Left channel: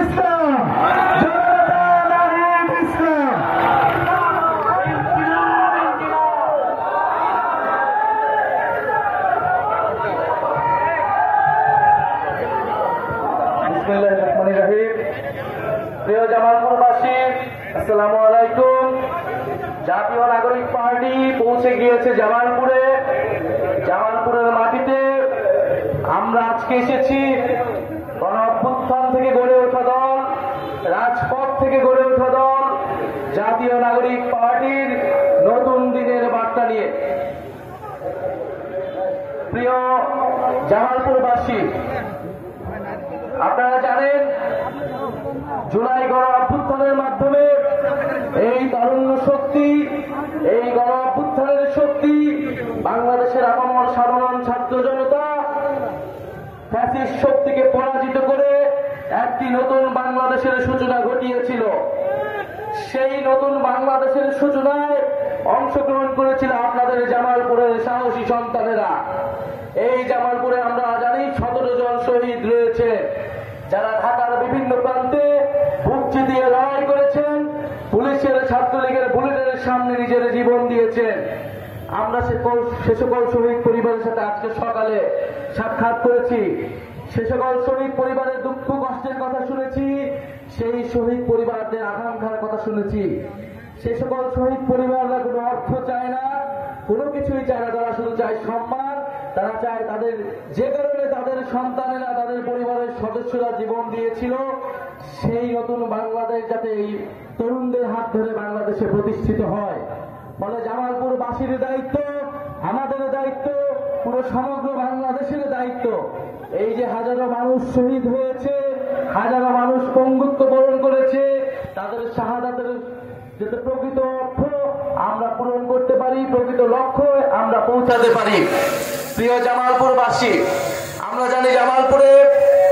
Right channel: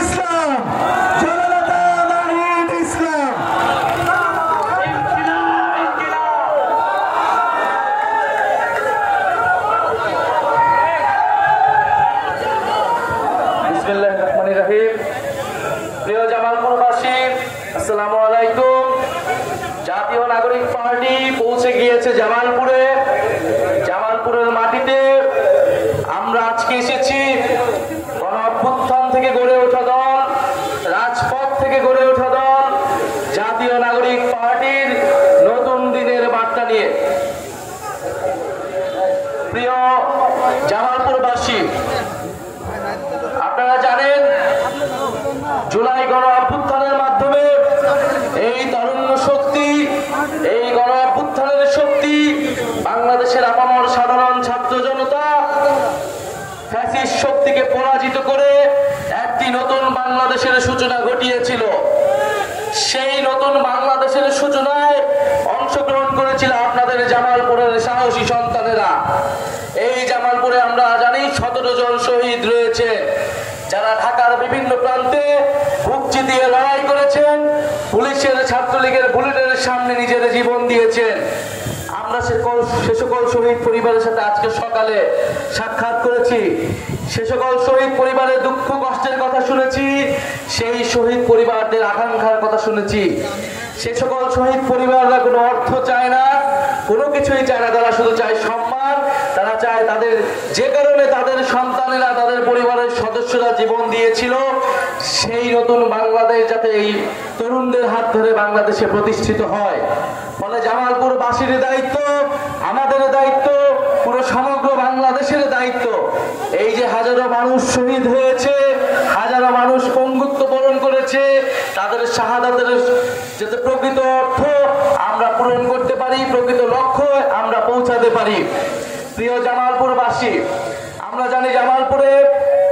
ইসলাম জনতা নাহিদ ইসলাম বিসমিল্লাহির রহমানির রহিম। প্রিয় জামালপুরবাসী, আসসালামু আলাইকুম। জাতীয় নাগরিক পার্টি পৌঁছে গিয়েছে জামালপুরে। জামালপুরের মাটিতে আমরা আজকে এসেছি গণ অভ্যুত্থান থেকে গড়ে ওঠা দল, রাজপথ থেকে গড়ে ওঠা দল জাতীয় নাগরিক পার্টির নতুন দিনের বার্তা নিয়ে। প্রিয় জামালপুরবাসী, আপনারা জানেন জুলাই গণ অভ্যুত্থানের মাধ্যমে এই তারুণ্য শক্তি, এই গণ অভ্যুত্থানের শক্তি বাংলাদেশের আপামর সাধারণ ছাত্র জনতা ফ্যাসিস্ট শক্তিকে পরাজিত করে একটি নতুন বাংলাদেশের সূচনা ঘটিয়েছিল। সেই নতুন বাংলাদেশের সূচনায় অংশগ্রহণ করেছিল আপনাদের জামালপুরের সাহসী সন্তানেরা। এই জামালপুরে আমরা জানি 17 জন শহীদ রয়েছে, যারা ঢাকার বিভিন্ন প্রান্তে বুক চিতিয়ে লড়াই করেছেন, পুলিশের ছাত্রলীগের বুলেটের সামনে নিজের জীবন দিয়েছেন। আমরা সে সকল শহীদ পরিবারের সাথে আজকে সকালে সাক্ষাৎ করেছি। সে সকল শহীদ পরিবারের দুঃখ কষ্টের কথা শুনেছি, সেই শহীদ পরিবারদের আকাঙ্ক্ষার কথা শুনেছি। সে সকল শহীদ পরিবাররা কোনো অর্থ চায় না, কোনো কিছুই চায় না, তারা শুধু চায় সম্মান। তারা চায় তাদের যে কারণে তাদের সন্তানেরা, তাদের পরিবারের সদস্যরা জীবন দিয়েছিল, সেই নতুন বাংলাদেশ যাতে এই তরুণদের হাত ধরে বাংলাদেশে প্রতিষ্ঠিত হয়। ফলে জামালপুরবাসীর দায়িত্ব, আমাদের দায়িত্ব, পুরো সমগ্র বাংলাদেশের দায়িত্ব। এই যে হাজারো মানুষ শহীদ হয়েছে, হাজারো মানুষ পঙ্গুত্ব বরণ করেছে, তাদের শাহাদাতের যাতে প্রকৃত অর্থ আমরা পূরণ করতে পারি, প্রকৃত লক্ষ্য আমরা পৌঁছাতে পারি। প্রিয় জামালপুরবাসী, আমরা জানি জামালপুরে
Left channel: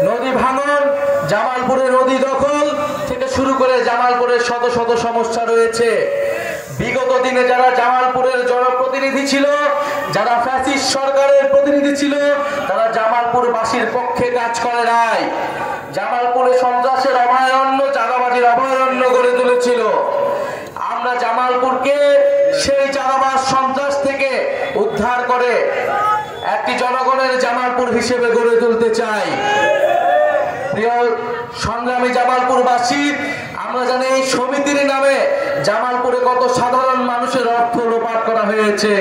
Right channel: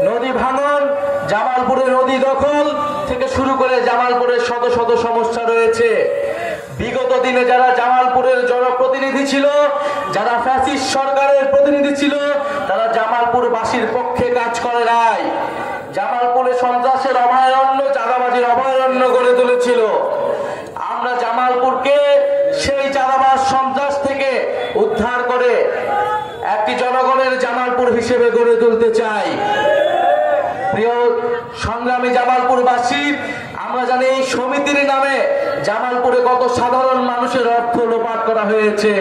নদী ভাঙন, জামালপুরে নদী দখল থেকে শুরু করে জামালপুরের শত শত সমস্যা রয়েছে। বিগত দিনে যারা জামালপুরের জনপ্রতিনিধি ছিল, যারা ফ্যাসিস্ট সরকারের প্রতিনিধি ছিল, তারা জামালপুরবাসীর পক্ষে কাজ করে নাই। জামালপুরে সন্ত্রাসের অভয়ারণ্য, চাঁদাবাজির অভয়ারণ্য গড়ে তুলেছিল। আমরা জামালপুরকে সেই চাঁদাবাজ সন্ত্রাস থেকে উদ্ধার করে একটি জনগণের জামালপুর হিসেবে গড়ে তুলতে চাই। প্রিয় সংগ্রামী জামালপুরবাসী, আমরা জানি এই সমিতির নামে জামালপুরে কত সাধারণ মানুষের অর্থ লোপাট করা হয়েছে।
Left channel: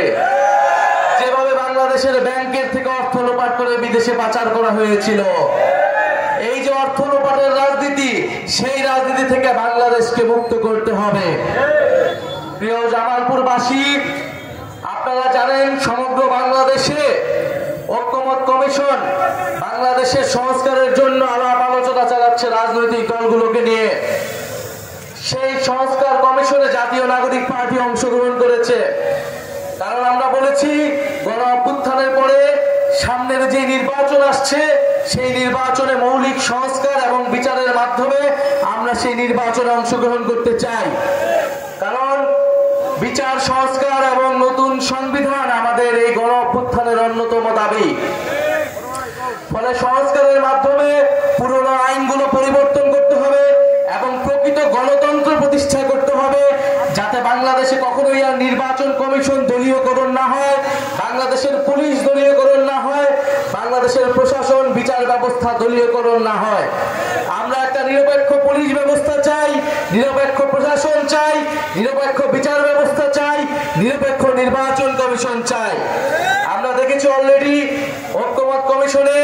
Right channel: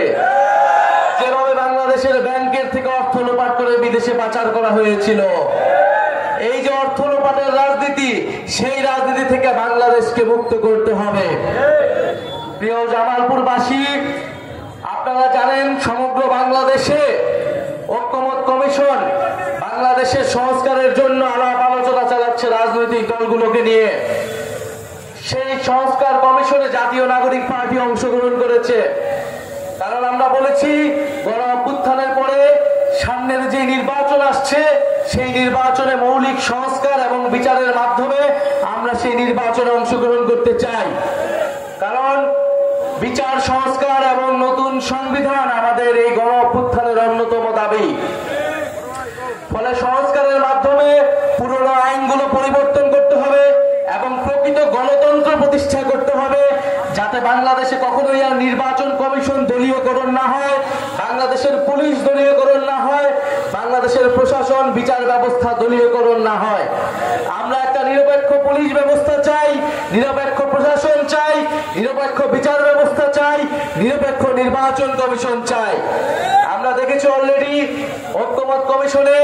যেভাবে বাংলাদেশের ব্যাংকের থেকে অর্থ লোপাট করে বিদেশে পাচার করা হয়েছিল, এই যে অর্থ লোপাটের রাজনীতি, সেই রাজনীতি থেকে বাংলাদেশকে মুক্ত করতে হবে। প্রিয় জামালপুরবাসী, আপনারা জানেন সমগ্র বাংলাদেশে ঐক্যমত কমিশন বাংলাদেশের সংস্কারের জন্য আলাপ আলোচনা চালাচ্ছে রাজনৈতিক দলগুলোকে নিয়ে। সেই সংস্কার কমিশনে জাতীয় নাগরিক পার্টি অংশগ্রহণ করেছে। কারণ আমরা বলেছি গণ অভ্যুত্থানের পরে সামনের যে নির্বাচন আসছে, সেই নির্বাচনে মৌলিক সংস্কার এবং বিচারের মাধ্যমে আমরা সেই নির্বাচনে অংশগ্রহণ করতে চাই। কারণ বিচার সংস্কার এবং নতুন সংবিধান আমাদের এই গণ অভ্যুত্থানের অন্যতম দাবি। ফলে সংস্কারের মাধ্যমে পুরনো আইনগুলো পরিবর্তন করতে হবে এবং প্রকৃত গণতন্ত্র প্রতিষ্ঠা করতে হবে, যাতে বাংলাদেশে কখনোই আর নির্বাচন কমিশন দলীয়করণ না হয়, বাংলাদেশের পুলিশ দলীয়করণ না হয়, বাংলাদেশের প্রশাসন বিচার ব্যবস্থা দলীয়করণ না হয়। আমরা একটা নিরপেক্ষ পুলিশ ব্যবস্থা চাই, নিরপেক্ষ প্রশাসন চাই, নিরপেক্ষ বিচার ব্যবস্থা চাই, নিরপেক্ষ নির্বাচন কমিশন চাই। আমরা দেখেছি অলরেডি ঐক্যমত কমিশনে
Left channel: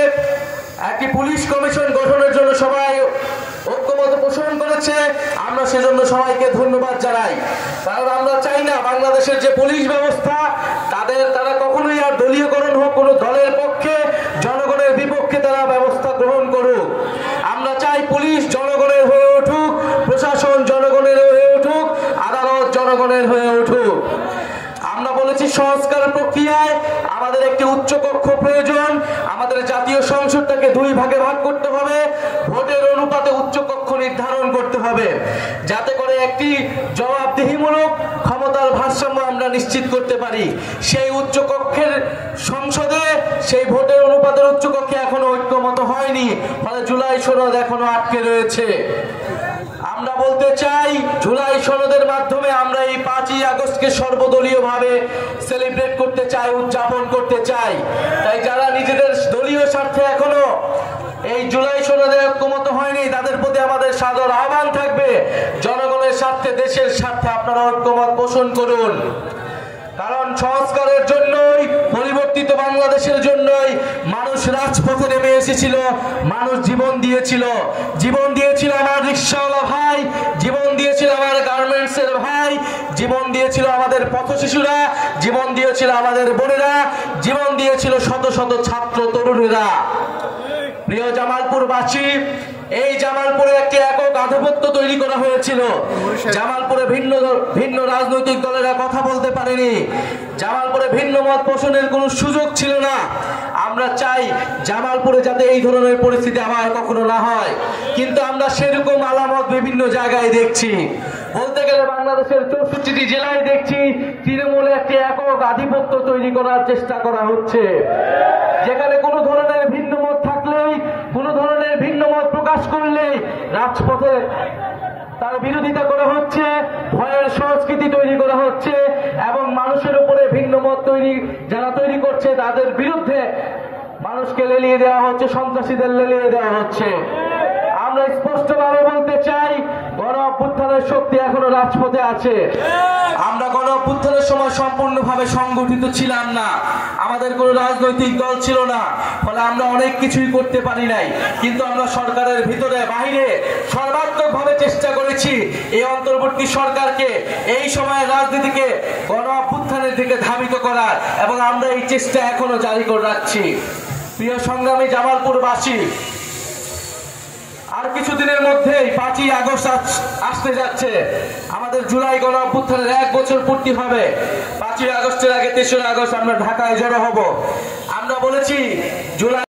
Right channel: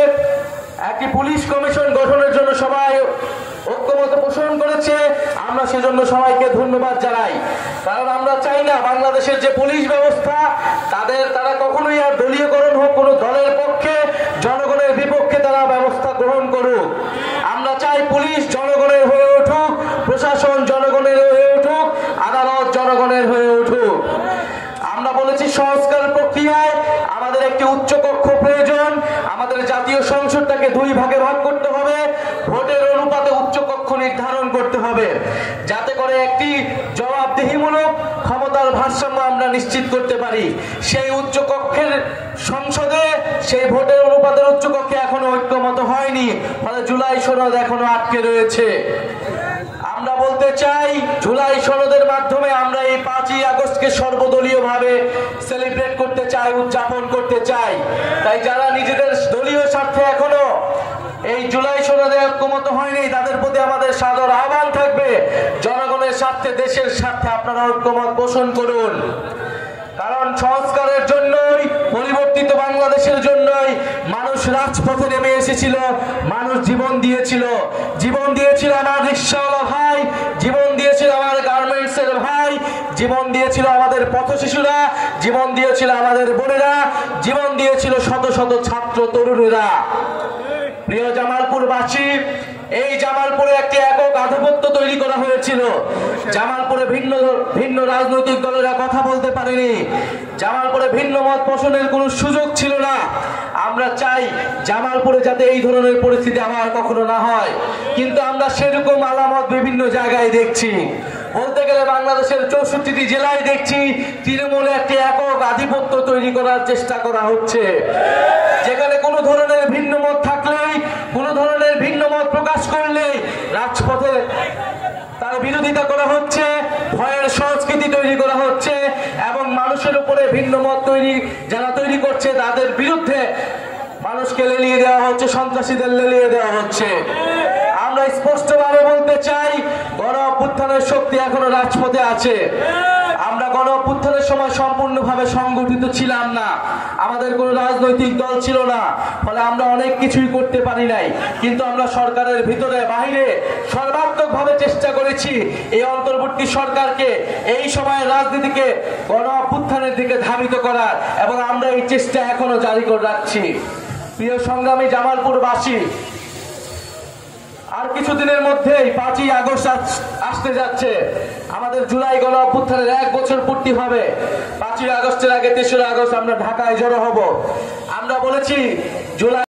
একটি পুলিশ কমিশন গঠনের জন্য সবাই ঐক্যমত পোষণ করেছে। আমরা সেজন্য সবাইকে ধন্যবাদ জানাই। কারণ আমরা চাই না বাংলাদেশের যে পুলিশ ব্যবস্থা, তারা কখনোই আর দলীয়করণ হোক, কোনো দলের পক্ষে, জনগণের বিপক্ষে তারা ব্যবস্থা গ্রহণ করুক। আমরা চাই পুলিশ জনগণের হয়ে উঠুক, প্রশাসন জনগণের হয়ে উঠুক, আদালত জনগণের হয়ে উঠুক। আমরা বলেছি সংস্কার প্রক্রিয়ায় আমাদের একটি উচ্চকক্ষ প্রয়োজন। আমাদের জাতীয় সংসদটাকে 2 ভাগে ভাগ করতে হবে, ভোটের অনুপাতে উচ্চকক্ষ নির্ধারণ করতে হবে, যাতে করে একটি জবাবদিহিমূলক ক্ষমতার ভারসাম্য আমরা নিশ্চিত করতে পারি। সেই উচ্চকক্ষের সংসদে সেই ভোটের অনুপাতের উচ্চকক্ষে এখনো ঐক্যমত হয়নি। ফলে জুলাই সনদ এখনো আটকে রয়েছে। আমরা বলতে চাই, জুলাই সনদের মাধ্যমে আমরা এই 5ই আগস্টকে সর্বদলীয়ভাবে সেলিব্রেট করতে চাই, উদযাপন করতে চাই। তাই যারা নিজেদের দলীয় স্বার্থে এখনো এই জুলাই সনদে ঐক্যমত হয়নি, তাদের প্রতি আমাদের সাদর আহ্বান থাকবে, জনগণের স্বার্থে, দেশের স্বার্থে আপনারা ঐক্যমত পোষণ করুন। কারণ সংস্কারের জন্যই, পরিবর্তিত বাংলাদেশের জন্যই মানুষ রাজপথে নেমে এসেছিল, মানুষ জীবন দিয়েছিল। জীবন দিয়েছিল আমার রিকশাওয়ালা ভাই, জীবন দিয়েছিল আমার গার্মেন্টসের ভাই, জীবন দিয়েছিল আমাদের পথশিশুরা, জীবন দিয়েছিল আমাদের বোনেরা, জীবন দিয়েছিল শত শত ছাত্র তরুণেরা। প্রিয় জামালপুরবাসী, এই জামালপুরে একটি একক আধিপত্য তৈরি করা হয়েছিল। জামালপুরে ভিন্ন ভিন্ন রাজনৈতিক দলেরা কথা বলতে পারেনি, জামালপুরে ভিন্ন মত পোষণের কোনো সুযোগ ছিল না। আমরা চাই জামালপুরে যাতে এই ধরনের পরিস্থিতি আবার কখনো না হয়, কিন্তু আমরা সেরকম আলামত বিভিন্ন জায়গায় দেখছি। বলতে গেলে বাংলাদেশের 64টি জেলায় দেখছি তৃণমূলে একটি একক আধিপত্য তৈরি করার চেষ্টা করা হচ্ছে, যেখানে কোনো ধরনের ভিন্ন মত থাকলেই, কোনো ধরনের ভিন্ন মত প্রকাশ করলেই রাজপথে তার বিরোধিতা করা হচ্ছে, ভয়ের সংস্কৃতি তৈরি করা হচ্ছে, এবং মানুষের উপরে ভিন্ন মত যারা তৈরি করছে তাদের বিরুদ্ধে মানুষকে লেলিয়ে দেওয়া হচ্ছে, সন্ত্রাসীদের লেলিয়ে দেওয়া হচ্ছে। আমরা স্পষ্টভাবে বলতে চাই, গণ অভ্যুত্থানের শক্তি এখনো রাজপথে আছে। আমরা গণ অভ্যুত্থানের সময় সম্পূর্ণভাবে সংগঠিত ছিলাম না, আমাদের কোনো রাজনৈতিক দল ছিল না, ফলে আমরা অনেক কিছুই করতে পারি নাই। কিন্তু আমরা সরকারের ভিতরে বাইরে সর্বাত্মকভাবে চেষ্টা করেছি এই অন্তর্বর্তী সরকারকে, এই সময়ের রাজনীতিকে গণ অভ্যুত্থানের দিকে ধাবিত করার, এবং আমরা এই চেষ্টা এখনো জারি করে রাখছি। প্রিয় সংগ্রামী জামালপুরবাসী, আর কিছুদিনের মধ্যেই 5ই আগস্ট আসতে যাচ্ছে। আমাদের জুলাই গণ অভ্যুত্থানের 1 বছর পূর্তি হবে। 5ই আগস্টের আগে 3রা আগস্ট আমরা ঢাকায় জড়ো হব। আমরা বলেছি জুলাই